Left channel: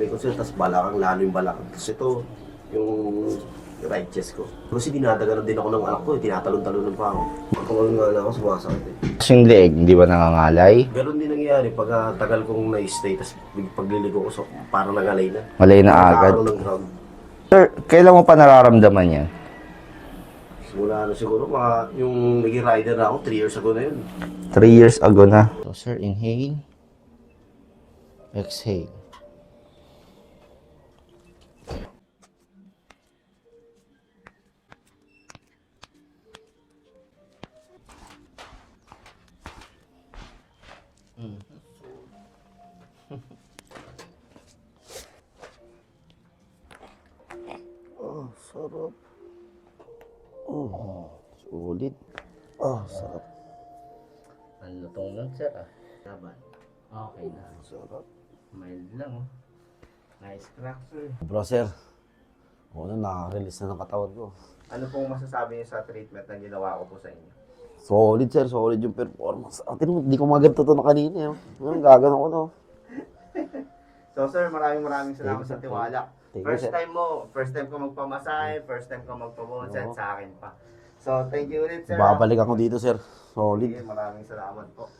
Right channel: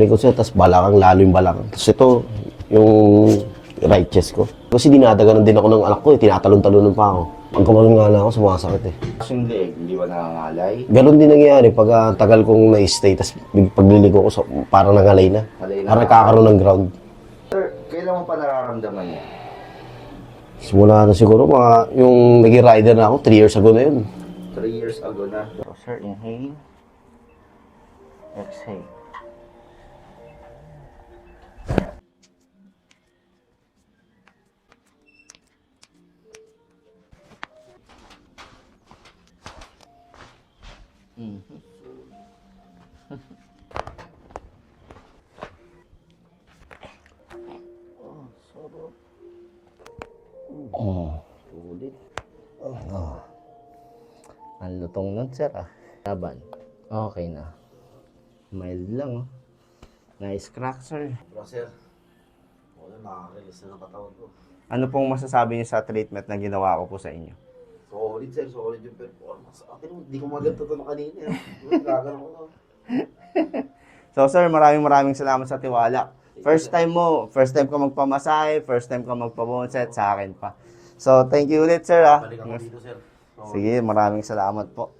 likod sir, tapos balakang, lalo yung balakang. Tapos ito, yung right chest ko. Kasi dinadaganan din ako ng anak ko, tinatalon-talonan pa ako. Pag kumanon nga lang ako, sumasakit eh. Tapos yung leeg, hindi ba nangangalay? Ganon din nangyayari pag tagal kong na-stay, tapos pagliligo ko, parang nangalay na. Malay na Parang agad. kakaroon ng ground. Sir, kailan mo pa nararamdaman yan? Simula na siguro, yung naging rider na ako, 3 years ago na yun. 3 years ago na. So, sir, inhale. Exhale. Oh, sarap. Sulit. Oh, sarap. Ang lutong nun, sir, Laban. Okay na. Sarap. Mild lang, oh. Nice crack, sir. Bro, sir. Wala, nakaka-release na ng katawan ko. Ano pong masasabi niyo sa treatment na ginawa ko po sa inyo? Solid, sir. Solid yung performance. Atin mo, hindi ko maganto to na kanina. Gagano ko to. So, sir, maraming salamat sa tiwala. First time ko magpamasahe, first time ko magpa-bone-set sa akin pa. So, thank you ulit, sir. Babalik ako dito, sir. Solid. Sige, maraming salamat po.